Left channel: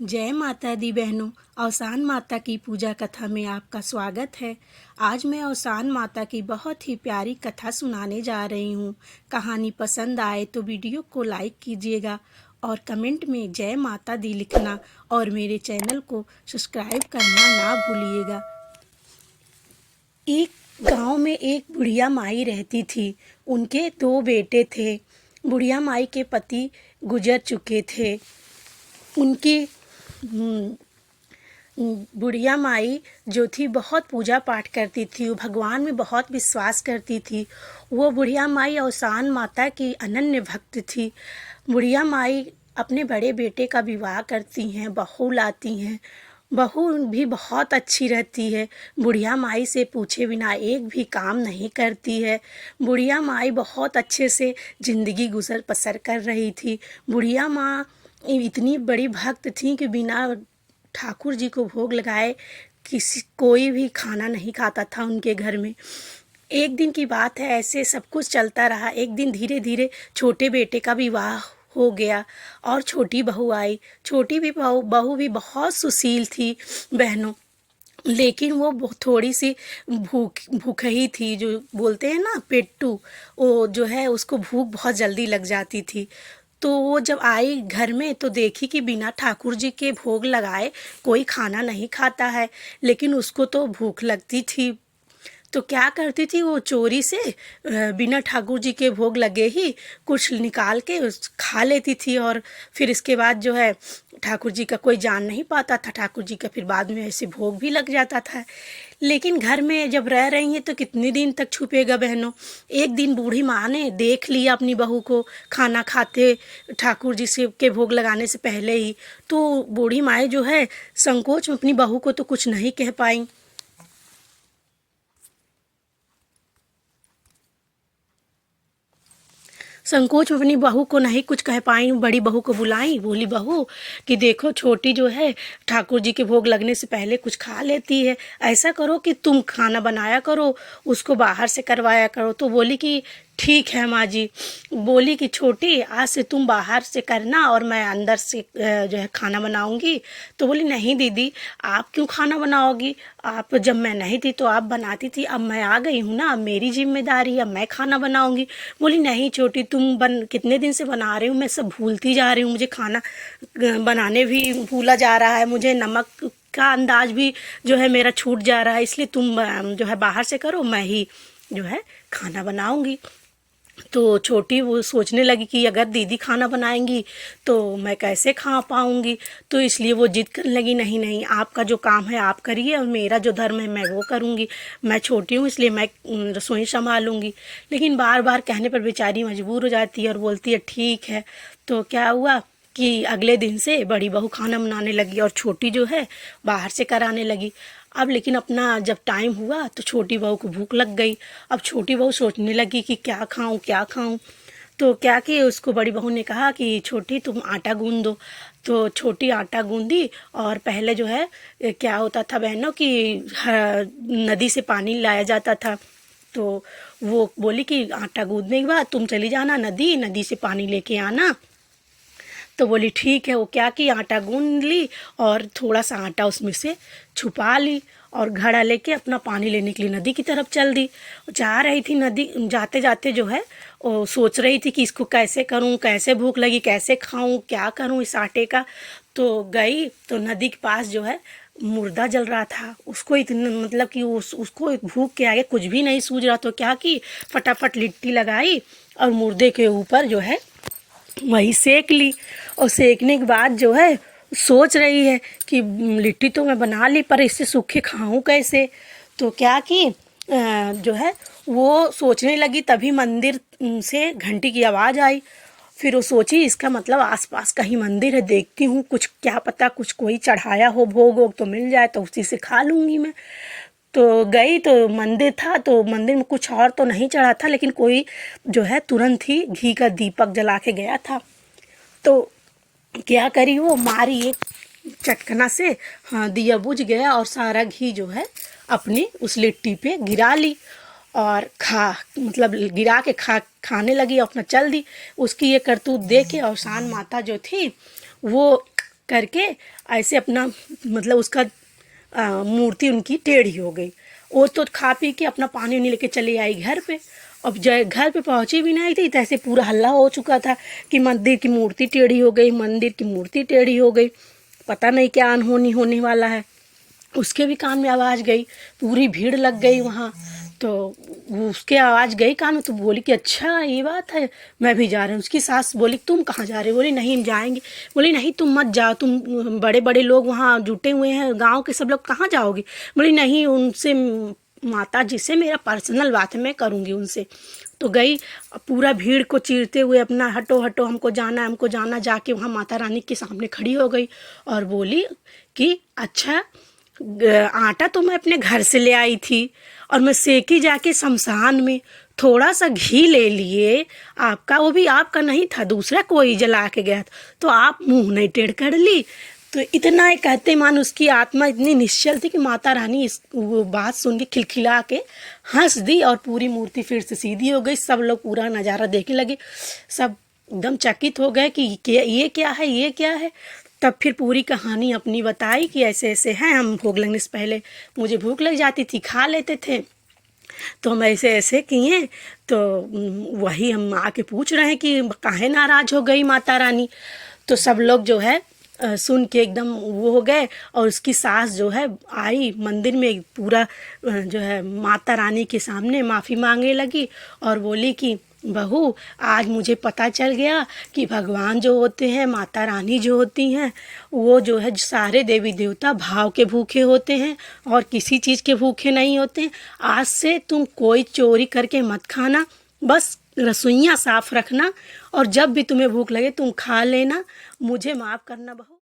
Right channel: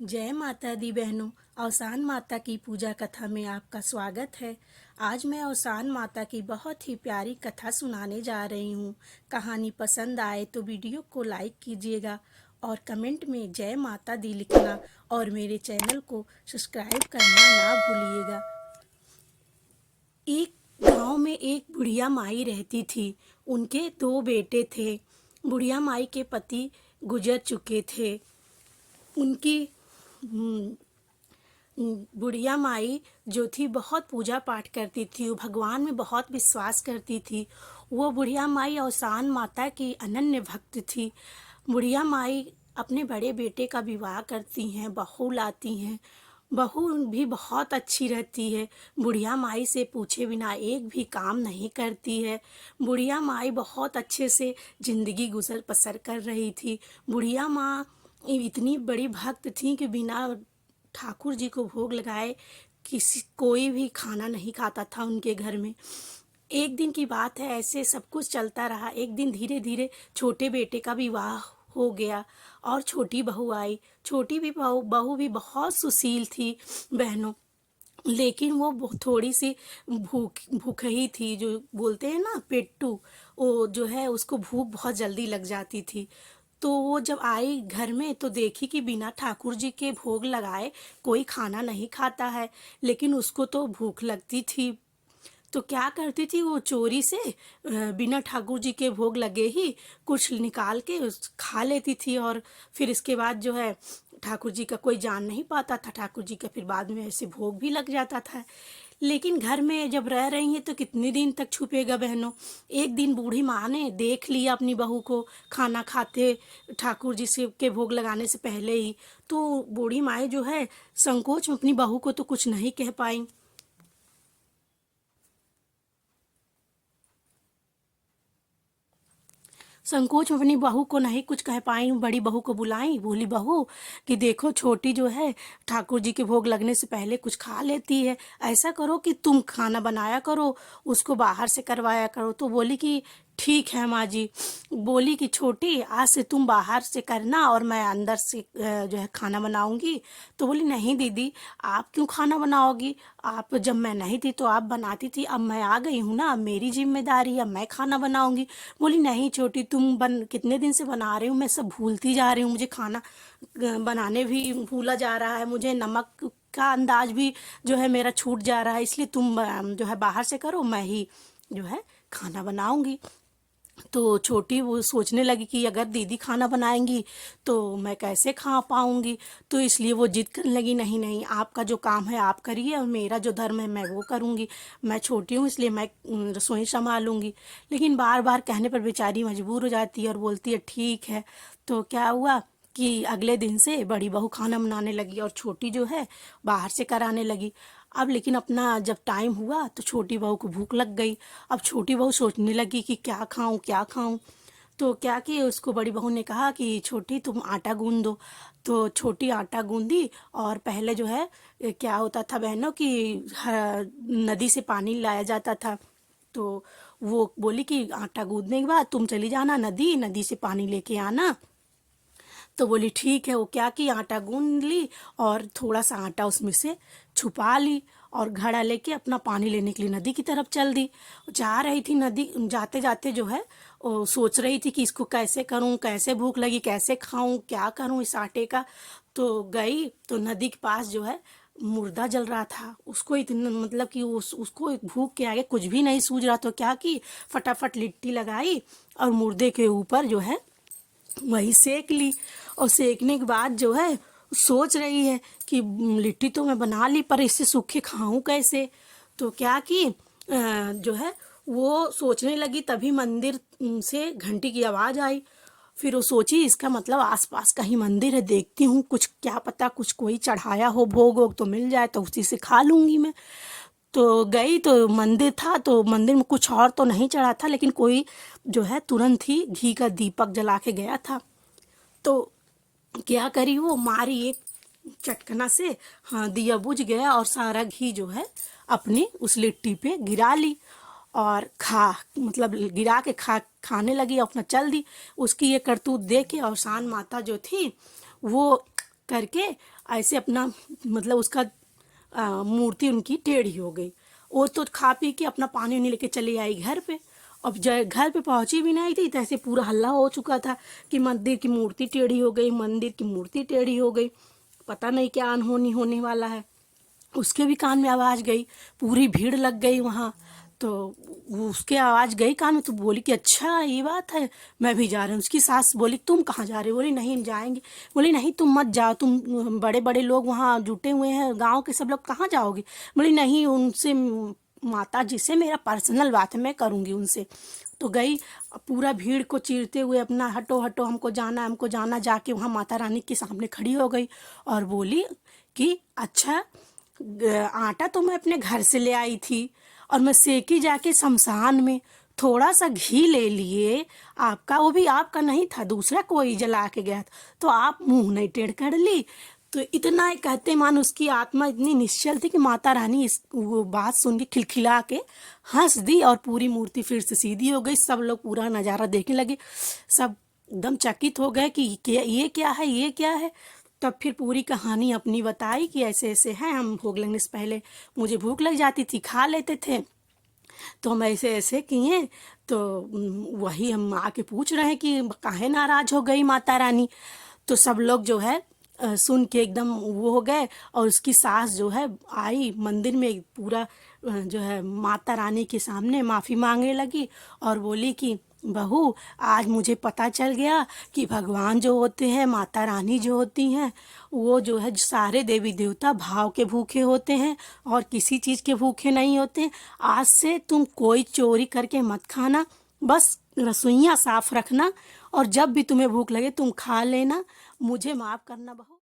जय माता दी बहनों। अवसान माता की पूजा कथा में आपका स्वागत है। आज मैं अवसान माता की बहुत ही प्यारी कथा सुनाने जा रही हूँ। कहानी पसंद आए तो वीडियो को लाइक कीजिएगा और कमेंट में जय माता दी लिखना और मेरे चैनल को सब्सक्राइब करना ना भूलिएगा। एक गांव में एक बुढ़िया माई रहती थी। उनके दो बेटे थे। बुढ़िया माई के पति गुजर चुके थे। उनकी बुढ़िया माई जो थी बहुत पूजा पाठ करती थी, वो भगवान में बहुत विश्वास करती थी। वो बुढ़िया माई अवसान माता की अनन्य भक्त थी। बुढ़िया माई अपने बड़े बेटे का विवाह करती हैं, बहू लाती हैं। बहू भी बहुत अच्छी रहती है। बुढ़िया माई से पूछे बिना एक भी काम नहीं करती है। बुढ़िया माई बहुत अच्छे से ज़िंदगी गुजर बसर कर रही थी। बुढ़िया माँ इतनी बड़ी भक्त थी कि बिना ठाकुर जी को भोग लगाए कोई भी खाना नहीं खाता था उनके घर में। एक दिन की बात है, ऐसे सब कुछ चलता रहा। एक दिन धीरे धीरे छोटे बेटे का विवाह हो गया और छोटी बहू आई। छोटी भी बहू भी बहुत सुशील थी बहनों, लेकिन वो थोड़ी सी भूख ही थी। जो बोलते हैं ना पेट्टू, वो जो है उसको भूख बहुत जल्दी लग जाती थी। तो वो जब आई घर में तो देखी कि बिना ठाकुर जी के भोग लगाए कोई खाना नहीं खाता है, लेकिन उसको तो भूख लगती थी। तो क्या करती थी वो, चोरी से बिना ठाकुर जी के भोग लगे ही कुछ निकाल के खा लेती थी। और फिर इसके बाद जो है ठाकुर जी का कोई जान नहीं पाता था। ठाकुर जी का फिर बाद में ऐसे भोग भी लग जाता था। लेकिन घर में जब रह रही हैं तो कितने दिन तक छुपेगा बहनों। एक दिन बूढ़ी माँ ने देख लिया अपनी बहू को खाना खाते ठाकुर जी से के भोग लगाने से पहले ही। तो बूढ़ी माँ जो है संकोच में अपनी बहू को तो कुछ नहीं कह पाई। संकोच में अपनी बहू को नहीं कुछ कह पाई। बड़ी बहू को बुलाई, बोली बहू कि देखो छोटी जो है ठाकुर जी के भोग लगने से पहले कुछ खा लेती है। ऐसा करो कि तुम खाना बनाया करो, उसको बाहर से करवाया करो। तो बोली कि ठीक है माँ जी। बोली कि छोटी आज से तुम बाहर से करना और मैं अंदर से जो है खाना बनाऊंगी। तो बोली नहीं दीदी, आप क्यों खाना बनाओगी? आप जब मैं नहीं थी तो आप बनाती थी, अब मैं आ गई हूँ ना, अब मेरी जिम्मेदारी है, अब मैं खाना बनाऊंगी। बोली नहीं छोटी, तुम कितने दिन से बना रही हूँ, मैं सब भूलती जा रही हूँ। मुझे खाना बनाने भी भूला जा रहा है, मुझे नमक का अंदाज भी जो है मेरा छूट जा रहा है। इसलिए तुम जो है बाहर से करो, मैं ही जो है खाना बनाऊंगी। तो छोटी वो सोचने लगी कि अगर दीदी खाना बनाएंगी तो मैं कैसे खा पाऊंगी। तो इसलिए वो जिद करने लगी, नहीं नहीं, आपका जो काम है आप करिए और मेरा जो धर्म है मैं वो करूंगी। मैं छोटी हूँ इसलिए मैं रसोई संभालूंगी। लेकिन बार बार कहने पर बेचारी मजबूर हो जाती है और बोलती है ठीक है। तो क्या हुआ कि अगले दिन से बड़ी बहू खाना बनाने लगी और छोटी जो है बाहर से कराने लगी। अब लेकिन अपना जब टाइम हुआ तो छोटी बहू को भूख लग गई। अब छोटी बहू सोचने लगी कि क्या खाऊं क्या खाऊं। तो क्या कि उसको बड़ी बहू ने कहा कि छोटी तुम आटा गूंद दो। तो छोटी आटा गूंदी और पहले जो है क्या होता था बहनों कि नदी से पानी लाया जाता था। तो वो बोली कि आटा गूंदने के बाद तुम चली जाना नदी, नदी से पानी लेके आना। तो बोली ठीक है। वो क्या कि आटा गूंद ली और थोड़ा सा आटा उसमें से छुपा ली और घड़ा लेके अपना पानी लेने के लिए नदी की तरफ चल दी। जा रही थी नदी, जाते जाते जो है वो सोच रही थी कि इसको कैसे करूं, कैसे भूख लगी, कैसे खाऊं, क्या करूं इस आटे का। तो गई तो नदी के पास जो है मुर्दा जल रहा था। उसको इतना मतलब कि उसको भूख के आगे कुछ भी नहीं सूझ रहा। तो क्या कि फटाफट लिट्टी लगाई और मुर्दे के ऊपर जो है वही सेक ली। और सेकने के बाद जो है सोच रही है कि लिट्टी तो मैं बना ली पर इससे सूखे खाऊं कैसे। तो क्या कि जो है वो सोचने लगी, तभी मंदिर से घंटी की आवाज़ आई। फिर वो सोची इसका मतलब आसपास कहीं मंदिर है, देखती हूँ कुछ, क्या पता कुछ कोई चढ़ाया हो, भोग वोग तो मिल जाए तो उसी से खा लूँगी मैं। तो गई तो मंदिर था, तो मंदिर में कुछ और तो नहीं चढ़ा था, लेकिन कोई जो है तुरंत ही घी का दीपक जला के गया था। तो क्या करी वो, मारी एक चटकना से, हाँ दिया बुझ गया और सारा घी जो है अपने उस लिट्टी पे गिरा ली और मतलब गिरा के खाने लगी, अपना चल दी। उसकी ये करतूत देख के अवसान माता जो थी वो करके ऐसे अपना मतलब उसका मूर्ति उनकी टेढ़ी हो गई। वो तो खा पी के अपना पानी उनी लेके चली आई घर पे। अब जब घर पे पहुंची भी नहीं थी तैसे पूरा हल्ला हो चुका था कि मंदिर की मूर्ति टेढ़ी हो गई, मंदिर की मूर्ति टेढ़ी हो गई, पता नहीं क्या अनहोनी होने वाला है। उसके भी कान में आवाज़ गई, पूरी भीड़ लग गई वहाँ। तो वो उसके आवाज़ गई कान में तो बोली कि अच्छा ये बात है, मैं भी जा रही हूँ। उसकी सास बोली तुम कहाँ जा रहे हो? बोली नहीं हम जाएंगे। बोली नहीं तुम मत जाओ, तुम बड़े बड़े लोग वहाँ जुटे हुए हैं, गांव के सब लोग, कहाँ जाओगी? बोली नहीं उनसे, माता जी से मेरा पर्सनल बात है, मैं करूँगी उनसे। तो गई, पूरा भीड़ को चीरते हुए अपना हटो हटो हमको जाना हमको जाना, जाके वहाँ माता रानी के सामने खड़ी हो गई और बोली कि अच्छा आटा तो मैं अपने घर से ले आई थी और मैं सेकी जाके शमशान में थोड़ा सा घी ले लिए आपका, वो भी आपका नहीं था, दूसरा कोई जला के गया था, तो आप मुंह नहीं टेढ़ कर ली। तो इतना ही कहते मान उसकी आत्मा इतनी निश्चल थी कि माता रानी इस वो बात सुन के खिलखिला के हंस दी और पूरी मूर्ति फिर से सीधी हो गई। सब लोग पूरा नज़ारा देखने लगे, सब एकदम चकित हो गए कि ये क्या है, ये क्या है। तब फिर पूरी कहानी अपनी बताई कि ऐसे ऐसे हैं, हम भोग लगने से पहले मुझे भूख लग जाती थी, खा लेते थे, तो हम ऐसे ऐसे किए। तो वही हम आके पूछ रहे हैं कि काहे नाराज़ हो गई माता रानी। तो सब लोग जो है सुन के एकदम वो हो गए। और उसकी सास जो है आई मंदिर में, पूरा जो है माता रानी के सामने माफ़ी मांगने लगी और बोली कि बहू आज मुझे पता चल गया कि भगवान जो होते हैं, माता रानी जो होती हैं, वो जो है सारे देवी देवता भाव के भूखे होते हैं और किसी चीज़ के भूखे नहीं होते हैं। आज से तुम कोई चोरी करके मत खाना, बस रसोइयाँ साफ रखना और जब भी तुम्हें भूख लगे तुम खा लेना, मुझे माफ़ करना बहू।